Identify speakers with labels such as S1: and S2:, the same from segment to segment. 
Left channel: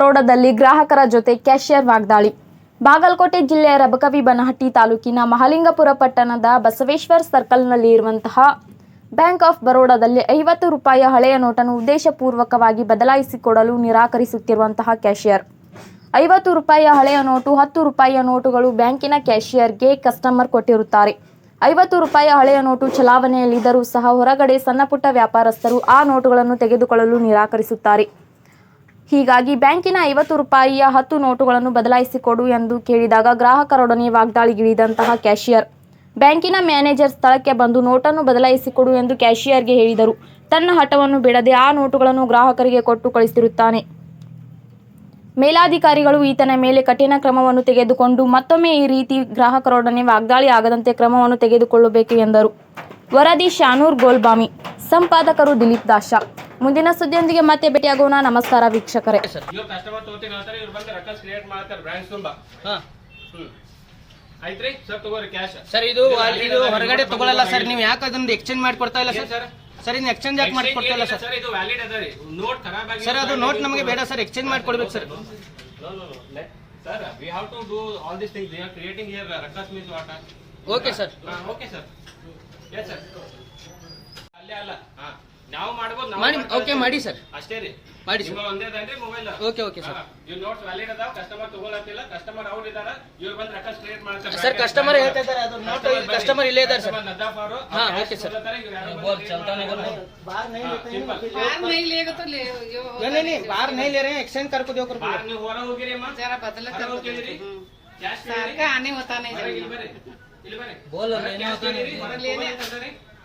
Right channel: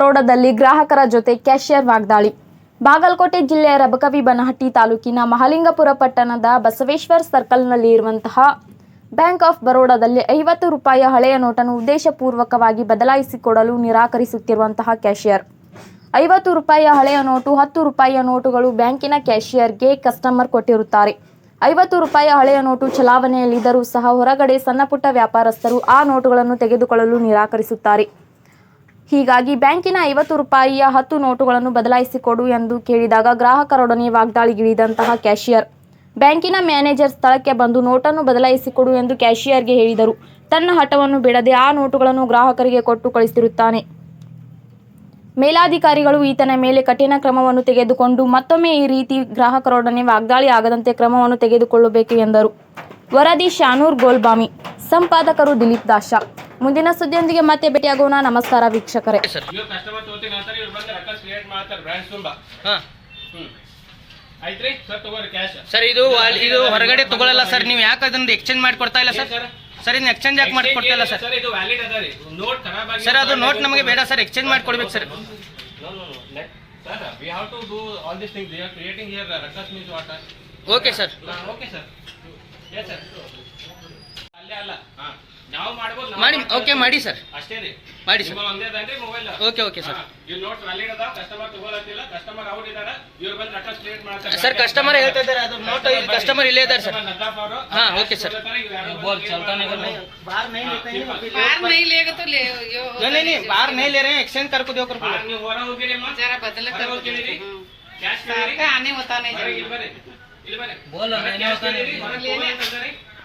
S1: ಬರೋಡದಲ್ಲಿ ಗ್ರಾಹಕರ ಜೊತೆ ಕ್ಯಾಷಿಯರ್ ವಾಗ್ದಾಳಿ. ಬಾಗಲಕೋಟೆ ಜಿಲ್ಲೆಯ ರಬಕವಿ ಬನಹಟ್ಟಿ ತಾಲೂಕಿನ ಮಹಾಲಿಂಗಪುರ ಪಟ್ಟಣದ ಬಸವೇಶ್ವರ್ ಸರ್ಕಲ್ನಲ್ಲಿ ಇರುವಂತಹ ಬ್ಯಾಂಕ್ ಆಫ್ ಬರೋಡಾದಲ್ಲಿ ಐವತ್ತು ರೂಪಾಯಿಯ ಹಳೆಯ ನೋಟನ್ನು ಉದ್ದೇಶಪೂರ್ವಕವಾಗಿ ಬದಲಾಯಿಸಿಕೊಡಲು ನಿರಾಕರಿಸುತ್ತಿರುವಂತಹ ಕ್ಯಾಷಿಯರ್ ಐವತ್ತು ರೂಪಾಯಿಯ ಹಳೆಯ ನೋಟು ಹತ್ತು ರೂಪಾಯಿಯ ನೋಟುಗಳು ಬ್ಯಾಂಕಿನ ಕ್ಯಾಷಿಯರ್ಗೆ ಕಸ್ಟಮರ್ ಕೊಟ್ಟಿರುತ್ತಾರೆ. ಐವತ್ತು ರೂಪಾಯಿಯ ಹಳೆಯ ನೋಟು ಚಲಾವಣೆಯಲ್ಲಿದ್ದರೂ ಸಹ ಹೊರಗಡೆ ಸಣ್ಣಪುಟ್ಟ ವ್ಯಾಪಾರಸ್ಥರು ಆ ನೋಟುಗಳನ್ನು ತೆಗೆದುಕೊಳ್ಳಲು ನಿರಾಕರಿಸುತ್ತಾರೆ. ಹೀಗಾಗಿ ಬ್ಯಾಂಕಿನ ಐವತ್ತು ರೂಪಾಯಿಯ ಹತ್ತು ನೋಟುಗಳನ್ನು ಬದಲಾಯಿಸಿಕೊಡು ಎಂದು ಕೇಳಿದಾಗ ಗ್ರಾಹಕರೊಡನೆ ವಾಗ್ದಾಳಿಗಿಳಿದಂತಹ ಕ್ಯಾಷಿಯರ್ ಬ್ಯಾಂಕಿನ ಮ್ಯಾನೇಜರ್ ಸ್ಥಳಕ್ಕೆ ಬಂದು ನೋಟನ್ನು ಬದಲಾಯಿಸಿಕೊಡು ಎಂದು ಕ್ಯಾಷಿಯರ್ಗೆ ಹೇಳಿದರು. ತನ್ನ ಹಠವನ್ನು ಬಿಡದೆ ಆ ನೋಟುಗಳನ್ನು ಗ್ರಾಹಕರಿಗೆ ಕೊಟ್ಟು ಕಳಿಸಿರುತ್ತಾನೆ. ಮೇಲಾಧಿಕಾರಿಗಳು ಈತನ ಮೇಲೆ ಕಠಿಣ ಕ್ರಮವನ್ನು ತೆಗೆದುಕೊಂಡು ಮತ್ತೊಮ್ಮೆ ಈ ರೀತಿ ಗ್ರಾಹಕರೊಡನೆ ವಾಗ್ದಾಳಿ ಆಗದಂತೆ ಕ್ರಮವನ್ನು ತೆಗೆದುಕೊಳ್ಳಬೇಕು ಎಂದರು. ವರದಿ ಶಾನೂರ್ ಗೋಲ್ಬಾಮಿ, ಸಂಪಾದಕರು ದಿಲೀಪ್ ದಾಶ. ಮುಂದಿನ ಸುದ್ದಿಯೊಂದಿಗೆ ಮತ್ತೆ ಭೇಟಿಯಾಗೋಣ. ನಮಸ್ಕಾರ ವೀಕ್ಷಕರೇ.
S2: ಸರ್ ತಗೋರಿ ಕ್ಯಾಶ್
S3: ಸರ್ ಇದು ಇದು ಹೊರಗಡೆ ತಗೊಳ್ಳಲ್ಲ ಸರ್ ನೀವು ಯಾಕೆ ಅದನ್ನ ಎಕ್ಸ್ಚೇಂಜ್ ಮಾಡ್ಕೊಡ್ತಾ ಇಲ್ಲ ಸರ್
S2: ಸರ್
S3: ಇನ್ನು ಇದನ್ನ ಎಕ್ಸ್ಚೇಂಜ್ ಯಾಕೆ ಮಾಡ್ಕೊಡ್ತಾ ಇಲ್ಲ ಸರ್
S2: ಸರ್ ಇದು ವ್ಯಾಲಿಡ್ ಅದ ನೋಟ್ ಖರಾಬ್ ಆಗಿ
S3: ಸರ್ ಅದು ನೋಟ್ ನಮಗೆ ಬೇಡ ಸರ್ ಎಕ್ಸ್ಚೇಂಜ್ ಮಾಡ್ಕೊಡ್ಬೇಕು sir
S2: sir we have to do all this things they are creating here ruckus means what
S3: okay sir
S2: okay sir yes sir ಅಲ್ಲೇ ಅಲ್ಲ ನಾವು ಮಾಡ್ಬೋದು ನಾವು
S3: ಮಾಡಿ
S2: ಮಾಡ್ಬೋದು.
S3: ಓಕೆ ಮಾಡಿ ಸರ್
S2: ಅಷ್ಟೇ ರೀ
S3: ಮಾಡಿ ಸರ್
S2: ನಿಮ್ಮ ಒಂದೇ ಅದೇನ್ರಿ ಮೊಬೈಲ್
S3: ಓಕೆ ಓಕೆ ಸರ್
S2: ಇವ್ ನೋಟ್ ವ್ಯಾಲಿಡ್ ಅದ ಕಸ್ಟಮರ್ ತಗೊಳತ್ತಿಲ್ಲ ಕಸ್ಟಮರ್ ಅವ್ರು ಇದಾರ ಇವ್ರು ಬಂದು ರಕಸ್ ಕ್ರಿಯೇಟ್ ಮಾಡ್ತಾರೆ
S3: ಸರ್ ಕಸ್ಟಮರ್ ಹೇಳ್ತಾ ಇದ್ದಾರೆ ಅದು ನೋಟ್ ಕಸ್ಟಮರ್ ಇಲ್ಲೇ ಇದ್ದಾರೆ ಸರ್
S2: ನದ್ದಾಫ್ ಅವರು
S3: ಹಾ, okay, sir.
S2: ಬೋಲ್ ಚಲ್ತಾನೆ
S3: बाहर नहीं लेगा तो ले नहीं नहीं नहीं बाहर नहीं ले रहे हैं एक्सचेंज कर को दो कर
S2: ನೀವು ಹೊರ ಹೋಗಿರಿ ಅಮ್ಮ
S4: जरा बदल
S2: ಹೊರ
S4: कर
S2: ಹೋಗಿರಿ ಕ್ಯಾಶ್
S4: सारखं आने होता नाही
S2: ಹೊರಗೆ ಇಲ್ಲಿ ಬರ್ರಿ ಇಲ್ಲಿ ಬರ್ರಿ
S3: ಬೋಲ್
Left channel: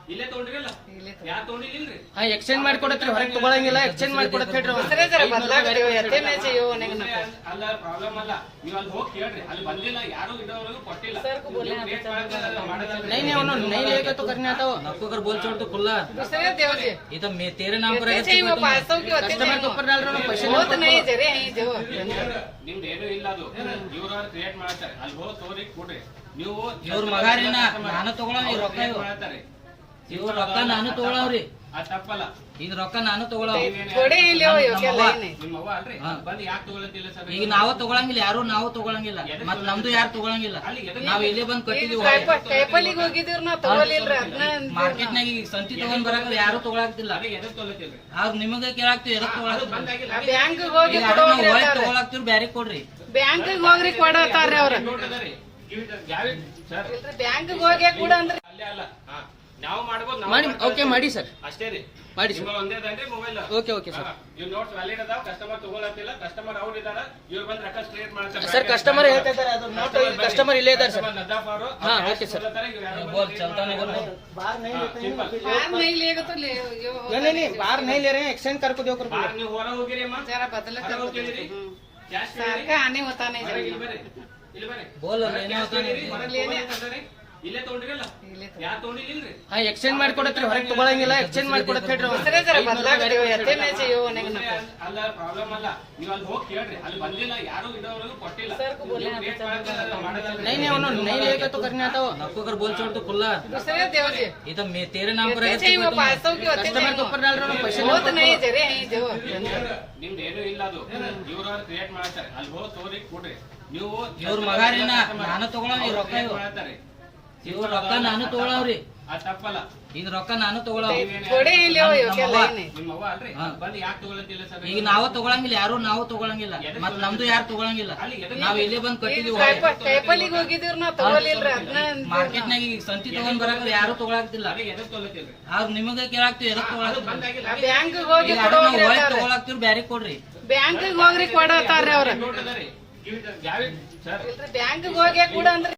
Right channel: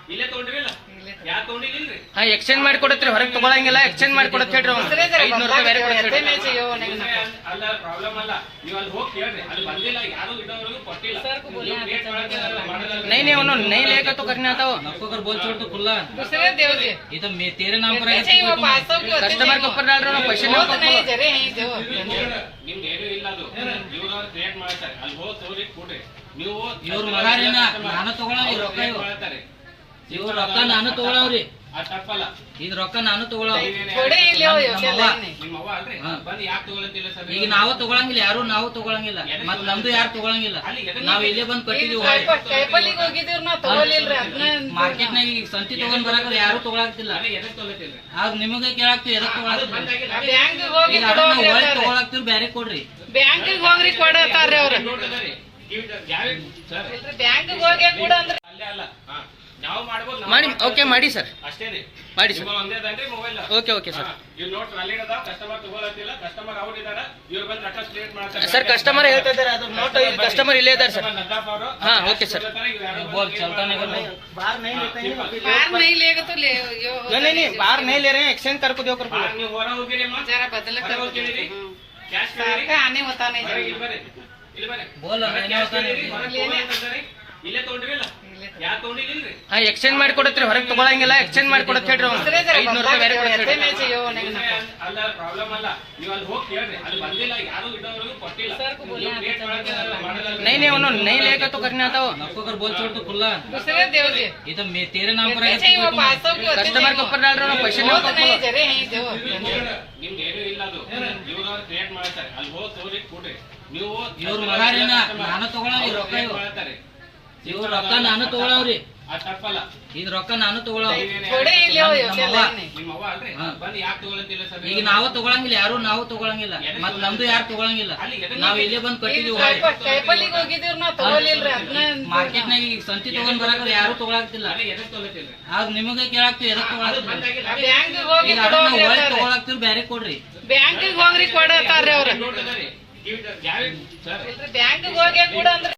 S2: ಹೊರಗೆ
S3: ಅದೇನೋ
S2: cash
S3: ತಾನೇ.
S2: ಕೇಳಿರಿ, ಹೊರಗೆ ತಗೊಂಡ್ರಿ ಅಂತಂದ್ರಿ. ಇಲ್ಲೇ ತಗೊಂಡ್ರಿಲ್ಲ ಯಾರು ತಗೊಂಡಿಲ್ಲ
S3: ಹಾ ಎಕ್ಸ್ಚೇಂಜ್ ಮಾಡಿ ಕೊಡತ್ರಿ ಹೊರಗೆ ತಗೊಳಂಗಿಲ್ಲ ಎಕ್ಸ್ಚೇಂಜ್ ಮಾಡಿ ಕೊಡತ್ ಹೇಳ್ರಿ ಅವ್ನು.
S4: दुसरे जरा
S3: ಐದ್ನೂರು
S4: बदला
S3: ರೂಪಾಯಿ ಬೇರೆ ಕೊಡತ್
S4: येते
S3: ಹೇಳ್ರಿ.
S4: नाही जेव नाही नको
S2: ಅಲ್ಲ ಪ್ರಾಬ್ಲಮ್ ಅಲ್ಲ ನೀವು ಅಲ್ಲಿ ಹೋಗಿ ಕೇಳ್ರಿ ಅಲ್ಲಿ ಬಂದಿಲ್ಲ ಯಾರು ಇಡೋವರೆಗೂ ಕೊಟ್ಟಿಲ್ಲ ನೀವು create ಮಾಡಕ್ಕೆ ಮಾಡಲ್ಲ.
S3: नहीं नहीं उन्होंने नहीं लेगा तो करना था वो
S5: आपको अगर बोल छोड़ तो खुला
S4: दुसरे देव जे
S5: ये तो मैं तेरे नाम पर
S4: त्याचे
S5: है
S4: वो पाच सौ की होते
S3: कस्टमर के ऊपर डाल रहा हूँ पैसे
S4: होत नाही जरे हे देव
S2: ನಿಮ್ದು ಏನೂ ಇಲ್ಲ ಅದು ಇವ್ರು ಕ್ರಿಯೇಟ್ ಮಾಡ್ತಾರೆ ಅಲ್ಲಿ ಹೋಗಿ ತೋರಿ ಕೊಡ್ರಿ ನೀವು
S5: ಇವ್ರು ಮಗಾರಿನ, ನಾನು ತಗೊಳಲ್ಲ, ಇವ್ರು ರೊಕ್ಕ ಇವ್ರು.
S2: ಮಾಡ್ತಾರೆ
S5: ಇವ್ ರೊಕ್ಕ ನಾನು ತಗೊಳವ್ರಿ.
S2: ಅದ್ ತಪ್ಪಲ್ಲ
S5: ಇದ್ ರೊಕ್ಕ ನಾನು
S2: ತಗೊಳವ್ರಿ ಸರ್
S5: ಈಗ ನಾವು ತಗೊಳಂಗಿಲ್ಲ ಯಾರು ನಾವು ತಗೊಳಂಗಿಲ್ಲ. ಮತ್ ನಮ್ದು ಯಾರು ತಗೊಳಂಗಿಲ್ಲ?
S2: ಅಲ್ಲಿ
S5: ನಾವ್ ಇಲ್ಲೇ ಬಂದ್
S4: ಈಗ
S5: ಮಾರ್ಕೆಟ್ ನಾಗ ಈಗ ಸಂತಿ ತಗೊಂಡ್ ಬರಾಕ ಯಾರು ತಗೊಳಕ್ತಿಲ್ಲ.
S2: ಅದೇ ತಗೊಳತ್ತಿಲ್ಲ
S5: ಆಗ ನಿಮಗೆ ಕೇಳಾಕ್ತಿವಿ ಎದಕ್ ತಗೊಳಕ್ತಿಲ್ಲ?
S2: ಬಂದಾಗಿಲ್ಲ
S4: ಹೋಗಿ
S5: ಬ್ಯಾರೆ ಕೊಡ್ರಿ.
S4: ಬ್ಯಾಂಕ್ ಹೋಗ್ರಿ ಕೊಡತಾರ್ರಿ ಅವ್ರು.
S2: ಸರ್.
S4: ಬ್ಯಾಂಕ್ ಹೋಗಿ ಕೊಡಂದ್ರಿ
S2: ಅಲ್ಲೇ ಅಲ್ಲ. ನಾವು ಮಾಡ್ಬೋದು ನಾವು
S3: ಮಾಡಿ
S2: ಮಾಡ್ಬೋದು.
S3: ಓಕೆ ಮಾಡಿ ಸರ್
S2: ಅಷ್ಟೇ ರೀ
S3: ಮಾಡಿ ಸರ್
S2: ನಿಮ್ಮ ಒಂದೇ ಅದೇನ್ರಿ ಮೊಬೈಲ್
S3: ಓಕೆ ಓಕೆ ಸರ್
S2: ಇವ್ ನೋಟ್ ವ್ಯಾಲಿಡ್ ಅದ ಕಸ್ಟಮರ್ ತಗೊಳತ್ತಿಲ್ಲ ಕಸ್ಟಮರ್ ಅವ್ರು ಇದಾರ ಇವ್ರು ಬಂದು ರಕಸ್ ಕ್ರಿಯೇಟ್ ಮಾಡ್ತಾರೆ
S3: ಸರ್ ಕಸ್ಟಮರ್ ಹೇಳ್ತಾ ಇದ್ದಾರೆ ಅದು ನೋಟ್ ಕಸ್ಟಮರ್ ಇಲ್ಲೇ ಇದ್ದಾರೆ ಸರ್
S2: ನದ್ದಾಫ್ ಅವರು
S3: ಹಾ, okay, sir.
S2: ಬೋಲ್ ಚಲ್ತಾನೆ
S4: बाहर नाही लेगा तो ले यो
S3: नहीं नहीं नहीं बाहर नहीं ले रहे हैं एक्सचेंज कर को दो कर
S2: ನೀವು ಹೊರ ಹೋಗಿರಿ ಅಮ್ಮ
S4: जरा बदल
S2: ಹೊರ
S4: कर
S2: ಹೋಗಿರಿ ಕ್ಯಾಶ್
S4: सारखं आने होता नाही
S2: ಹೊರಗೆ
S4: जरे
S2: ಇಲ್ಲಿ ಬರ್ರಿ ಇಲ್ಲಿ ಬರ್ರಿ
S5: ಬೋಲ್
S2: ಹೊರಗೆ
S5: ಅದೇನೋ
S2: cash
S5: ತಾನೇ.
S2: ಕೇಳಿರಿ, ಹೊರಗೆ ತಗೊಳ್ಳಿ ಅಂತಂದ್ರಿ. ಇಲ್ಲೇ ತಗೊಂಡ್ರಿಲ್ಲ ಯಾರು ತಗೊಂಡಿಲ್ಲ
S3: ಹಾ ಎಕ್ಸ್ಚೇಂಜ್ ಮಾಡಿ ಕೊಡತ್ರಿ ಹೊರಗೆ ತಗೊಳಂಗಿಲ್ಲ ಎಕ್ಸ್ಚೇಂಜ್ ಮಾಡಿ ಕೊಡತ್ ಹೇಳ್ರಿ ಅವ್ನು.
S4: दुसरे जरा
S3: ಐದ್ನೂರು
S4: बदला
S3: ರೂಪಾಯಿ ಬೇರೆ ಕೊಡತ್
S4: येते
S3: ಹೇಳ್ರಿ.
S4: नाही जेव नाही नको
S2: ಅಲ್ಲ ಪ್ರಾಬ್ಲಮ್ ಅಲ್ಲ ನೀವು ಅಲ್ಲಿ ಹೋಗಿ ಕೇಳ್ರಿ ಅಲ್ಲಿ ಬಂದಿಲ್ಲ ಯಾರು ಇಡೋವರೆಗೂ ಕೊಟ್ಟಿಲ್ಲ ನೀವು create ಮಾಡಕ್ಕೆ ಮಾಡಲ್ಲ.
S3: नहीं नहीं उन्होंने नहीं लेगा तो करना था वो
S5: आपको अगर बोल छोड़ तो खुला
S4: दुसरे देव जे
S5: ये तो मैं तेरे नाम पर है
S4: त्याचे वो पाच सौ की होते
S3: कस्टमर के ऊपर डाल रहा हूँ पैसे
S4: होत नाही जरे हे देव
S2: ನಿಮ್ದು ಏನೂ ಇಲ್ಲ ಅದು ಇವ್ರು ಕ್ರಿಯೇಟ್ ಮಾಡ್ತಾರೆ ಅಲ್ಲಿ ಹೋಗಿ ತೋರಿ ಕೊಡ್ರಿ ನೀವು
S5: ಇವ್ರು ಮಗಾರಿನ, ನಾನು ತಗೊಳಲ್ಲ, ಇವ್ರು ರೊಕ್ಕ
S2: create
S5: ಇವ್ರು.
S2: ಮಾಡ್ತಾರೆ
S5: ರೊಕ್ಕ ನಾನು ತಗೊಳವ್ರಿ. ಇದ್ ರೊಕ್ಕ ನಾನು ಈಗ ನಾವು ತಗೊಳಂಗಿಲ್ಲ ಯಾರು ನಾವು ತಗೊಳಂಗಿಲ್ಲ. ಮತ್ ನಮ್ದು ಯಾರು ತಗೊಳಂಗಿಲ್ಲ. ನಾವ್ ಇಲ್ಲೇ ಬಂದ್
S4: ಈಗ
S5: ಮಾರ್ಕೆಟ್ ಸಂತಿ ತಗೊಂಡ್ ಬರಕ್ ಯಾರು ತಗೊಳಕ್ತಿಲ್ಲ ಆದ್ರೆ ನಿಮಗ ಕೇಳಾಕ್ತಿವಿ ಎದಕ್
S4: ಹೋಗಿ
S5: ಬ್ಯಾರೆ ಕೊಡ್ರಿ.
S4: ಬ್ಯಾಂಕ್ ಹೋಗ್ರಿ ಕೊಡತಾರ್ರಿ ಅವ್ರ. ಬ್ಯಾಂಕ್ ಹೋಗಿ ಕೂಡ ಅಂದ್ರೆ